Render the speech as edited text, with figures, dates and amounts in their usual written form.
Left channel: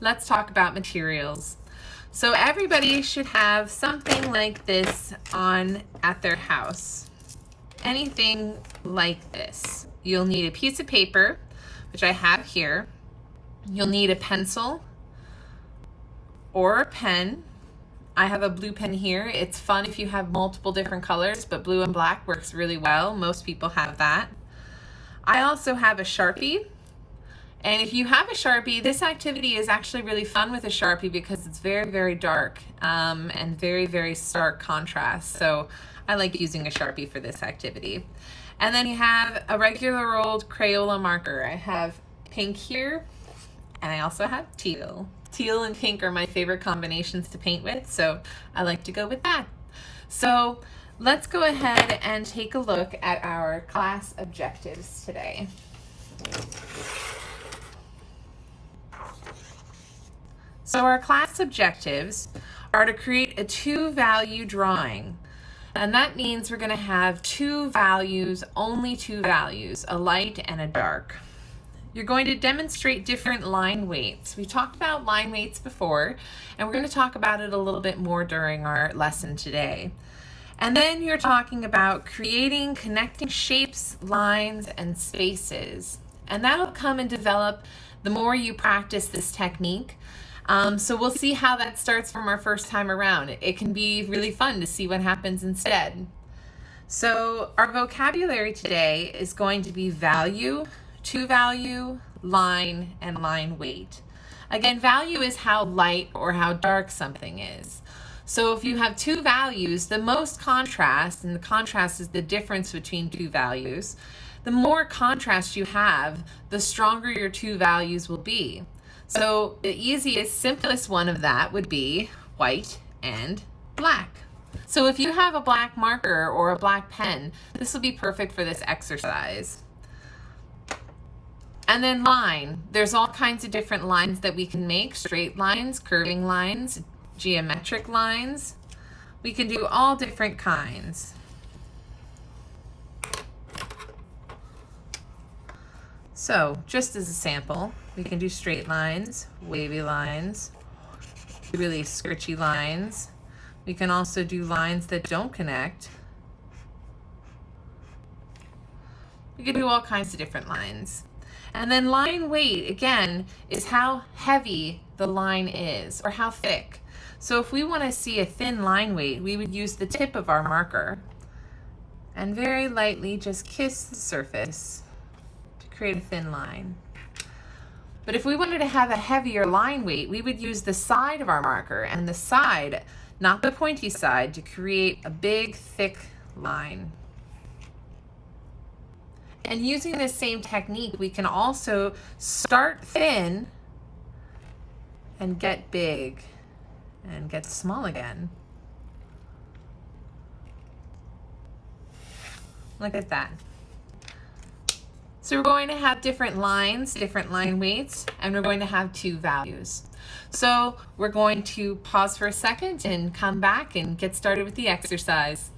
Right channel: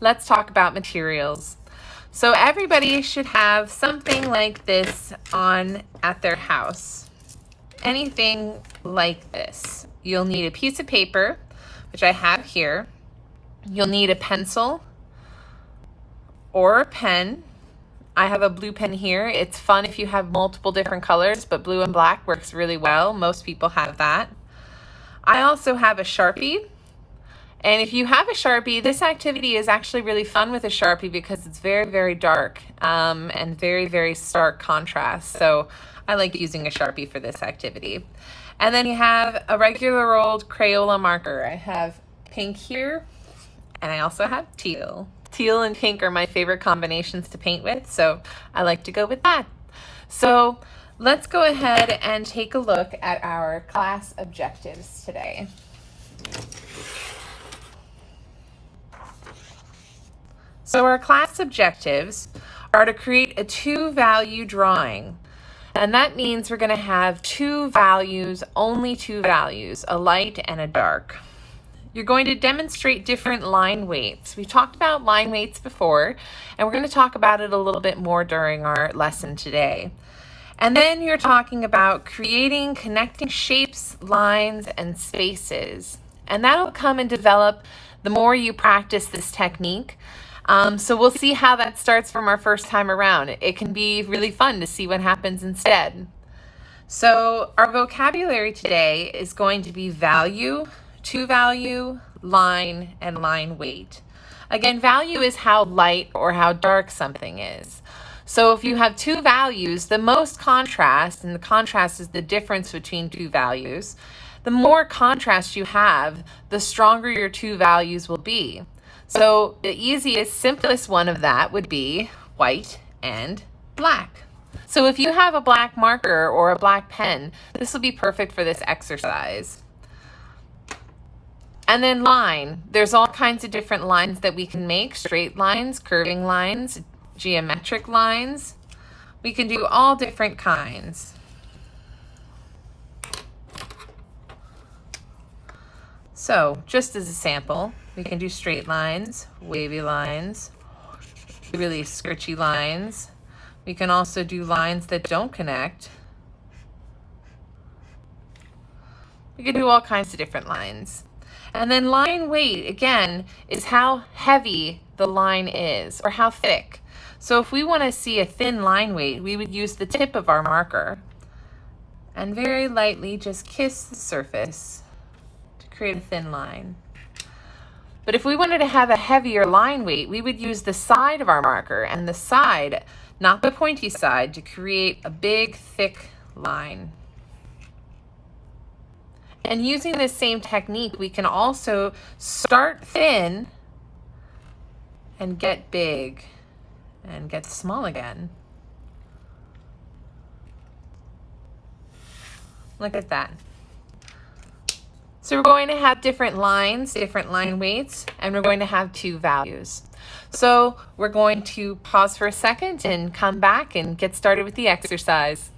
let's talk about materials. So everybody should have something like this on at their house. Anything like this. You'll need a piece of paper, which I have here. You'll need a pencil or a pen. I have a blue pen here. It's fun if you have multiple different colors, but blue and black works really well. Most people have that. I also have a Sharpie. And if you have a Sharpie, this activity is actually really fun with a Sharpie because it's very, very dark and very, very stark contrast. So I like using a Sharpie for this activity. And then you have a regular old Crayola marker. I have pink here, and I also have teal. Teal and pink are my favorite combinations to paint with, so I like to go with that. So let's go ahead and take a look at our class objectives today. So our class objectives are to create a two-value drawing. And that means we're going to have two values, only two values, a light and a dark. You're going to demonstrate different line weights. We talked about line weights before, and we're going to talk about it a little bit more during our lesson today. And then you're talking about creating connecting shapes, lines, and spaces. And that'll come and develop the more you practice this technique. So we'll see how that starts from our first time around. It can be really fun to see what happens instead. So our vocabulary today is going to be value, two value, line, and line weight. Again, value is how light or how dark something is. So if you have two values, the most contrast, and the contrast is the difference between two values, the more contrast you have, the stronger your two values will be. So the easiest, simplest one of that would be white and black. So if you have a black marker or a black pen, this will be perfect for this exercise. And then line, there's all kinds of different lines that we can make, straight lines, curving lines, geometric lines. We can do all different kinds. So just as a sample, we can do straight lines, wavy lines, really skirchy lines. We can also do lines that don't connect. We can do all kinds of different lines. And then line weight, again, is how heavy the line is or how thick. So if we want to see a thin line weight, we would use the tip of our marker and very lightly just kiss the surface to create a thin line. But if we wanted to have a heavier line weight, we would use the side of our marker and the side, not the pointy side, to create a big, thick line. And using this same technique, we can also start thin and get big and get small again. Look at that. So we're going to have different lines, different line weights, and we're going to have two values. So we're going to pause for a second and come back and get started with the exercise.